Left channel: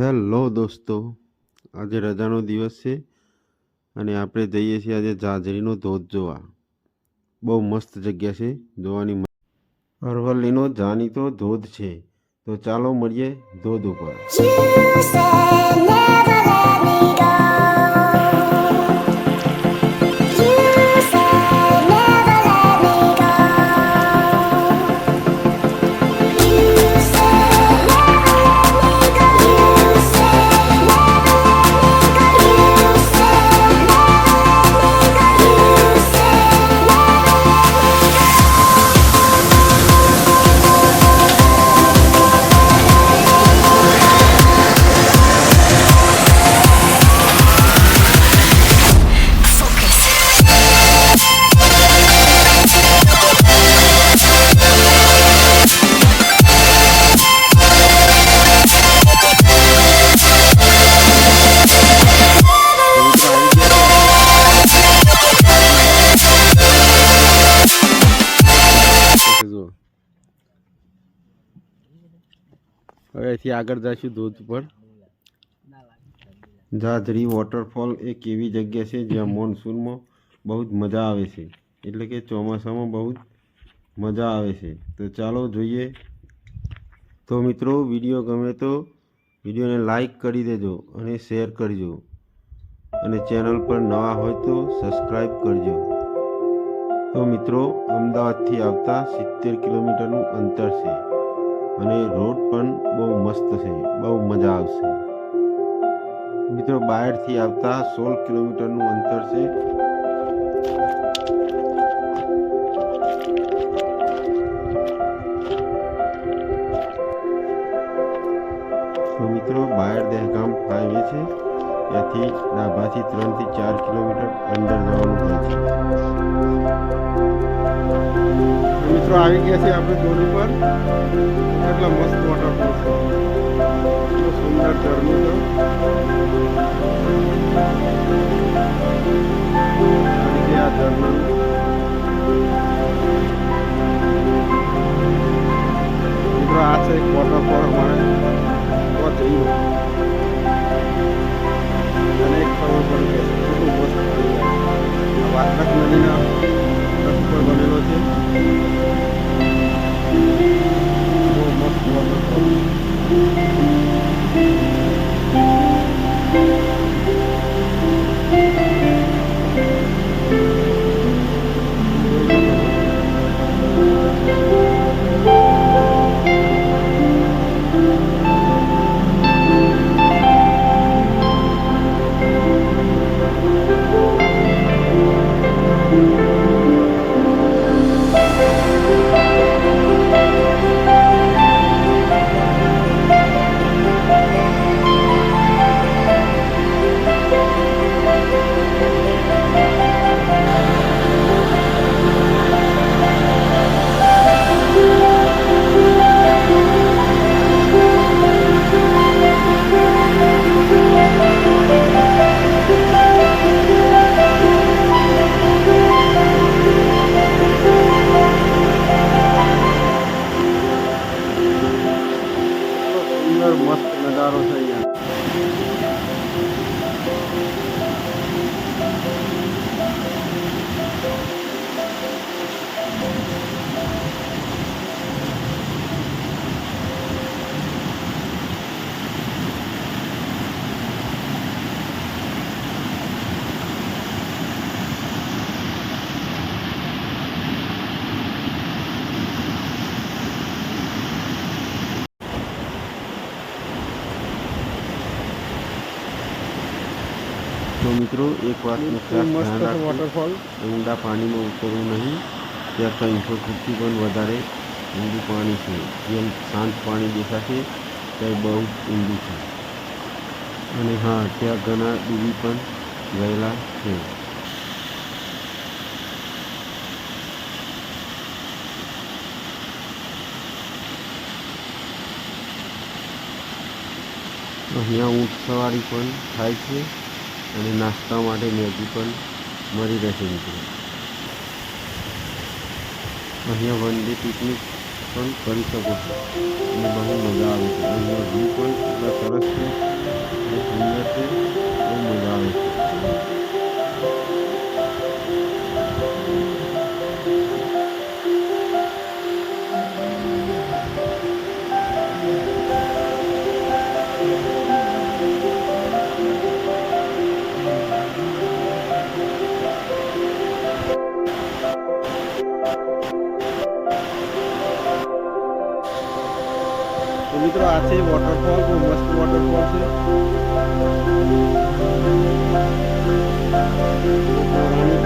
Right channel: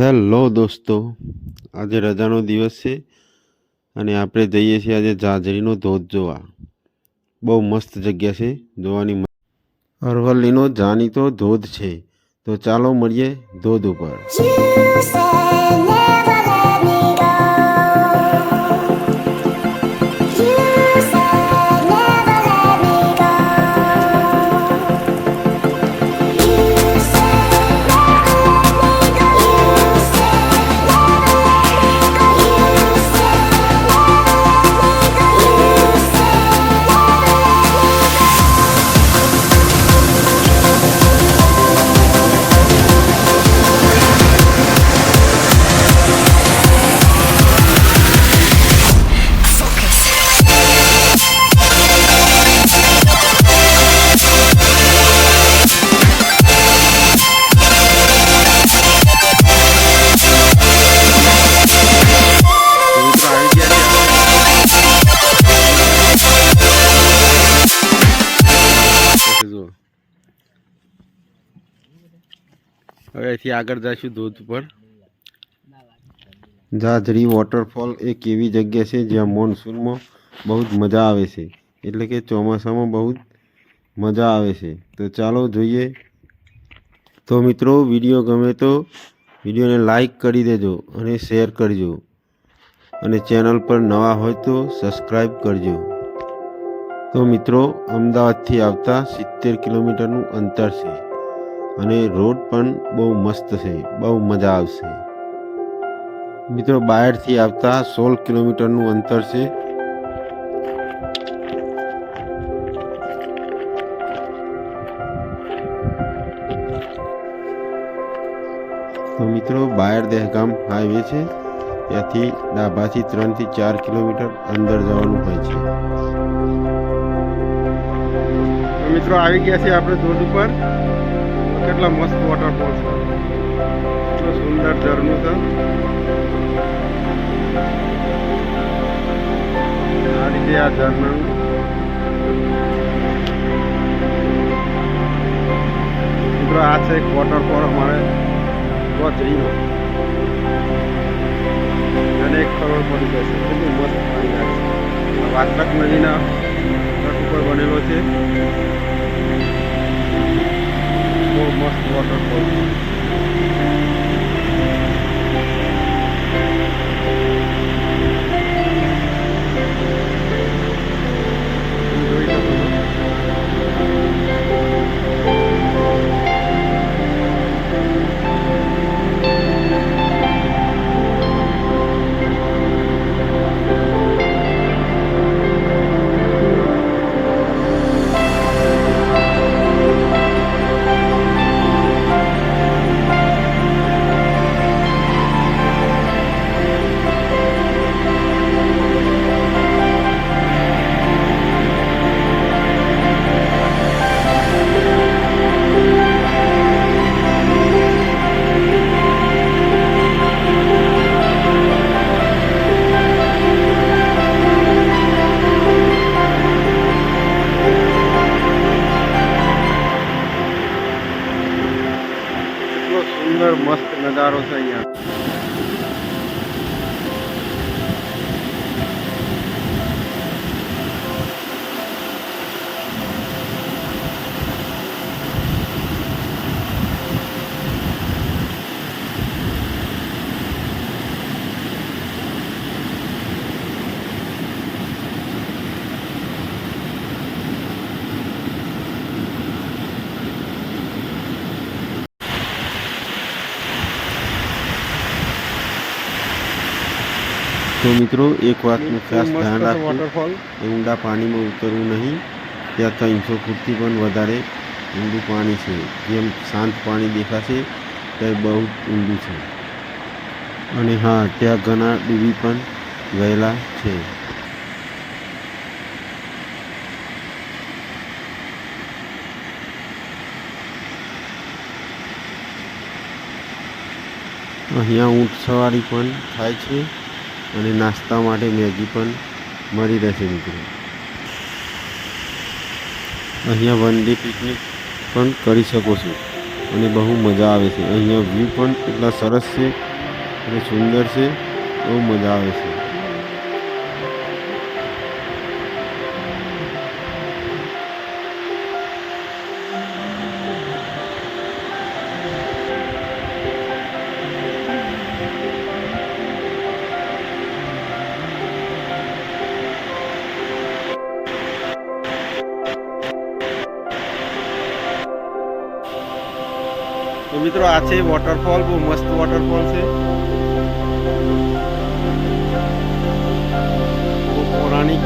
Hello દોસ્તો, આજે રજાનો દિવસ છે અને આપણે જઈએ છીએ આજે જાજરીનો ધોધ જોવા. બહુ મસ્ત જગ્યા છે જોવાની. અરવલ્લીનો જાણીતો ધોધ છે, તો ચાલો મળીએ ધોધ ઉપર. હવે અહીંથી આગળ જઈશું ધોધ પર. જાજરી વોટરફોલ એક એવી જગ્યા છે જ્યાં મોન્સૂનમાં બહુ જ મજા આવે છે, એટલે કે ચોમાસામાં બહુ જ મજા આવે છે. તો ચાલો જોઈએ. તો મિત્રો, વિડીયો ગમે તો વિડીયોને લાઈક કરી દેજો અને શેર કરજો, અને ચેનલ પર નવા હોય તો સબસ્ક્રાઈબ કરજો. તો મિત્રો, અમદાવાદથી આવતા 70 કિલોમીટરનું અંતર છે અને રોડ પણ બહુ મસ્ત છે, બહુ મજા આવશે. મિત્રો, બહારથી આવતા 16 કિલોમીટરનું અંતર છે. તો મિત્રો, બાયર દહેગામ હાઈવે છે, ત્યાંથી ડાભાથી 3 થી 4 કિલોમીટર અંદર જવાનું હોય છે. તો મિત્રો, આવી ગયા છે આપણે ધોધ ઉપર. કેટલા મસ્ત વોટરફોલ છે, કેટલું સુંદર ઝરણું છે. આ રીતે આ ઝરણા મિત્રો, આ છે એક વોટરફોલ અમારે તો જઈને અને એક ખબર પડી છે કેટલું મસ્ત પાણી આવે છે. વાસલક નદીના તટ ઉપર બનેલો છે. બહુ મસ્ત વોટરફોલ. જોઈ શકો છો. સુંદર મસ્ત નજારો છે અહીંયા. તો મિત્રો, એક વાતનું ખાસ ધ્યાન રાખવું, ઊંડા પાણીમાં ઉતરવું નહીં. ત્યાં 300 ફૂટથી પણ વધારે ઊંડું પાણી છે. જેમ શાંત પાણી દેખાશે ત્યાં બહુ ઊંડું છે. અને હા, ત્યાં ઘણા ડૂબી પણ ગયેલા છે. અહીંયા ઊંટ સવારી પણ થાય છે અને નાસ્તા માટે મેગી પણ મળી રહેશે મિત્રો. અહીંયા વન ડે પિકનિક પણ કરી શકો છો અને બહુ મજા આવે છે. અહીંયા વ્યૂ પણ એટલા સરસ છે અને સુંદર છે, બહુ મજા આવે છે. તો મિત્રો આ છે વોટરફોલ, બહુ મસ્ત વોટરફોલ છે, બહુ પૌરાણિક.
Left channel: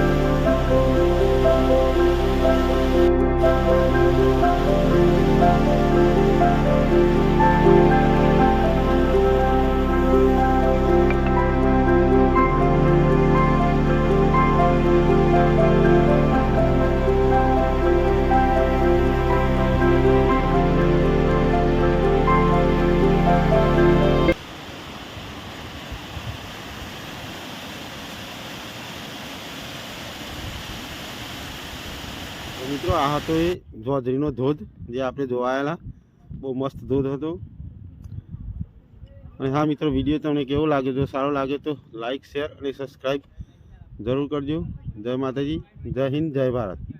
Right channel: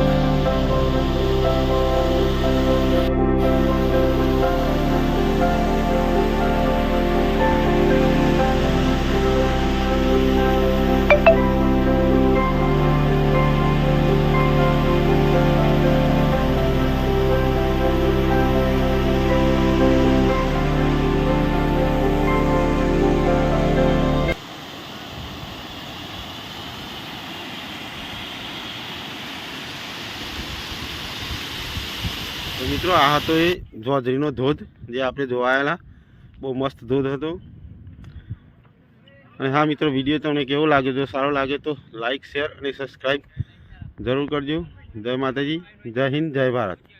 તો મિત્રો આ હતો એ જોધરીનો ધોધ જે આપણે જોવાયેલા, બહુ મસ્ત ધોધ હતો. અને હા મિત્રો, વિડીયો તમને કેવો લાગ્યો? જો સારો લાગે તો લાઈક, શેર અને સબસ્ક્રાઈબ જરૂર કરજો. જય માતાજી, જય હિન્દ, જય ભારત.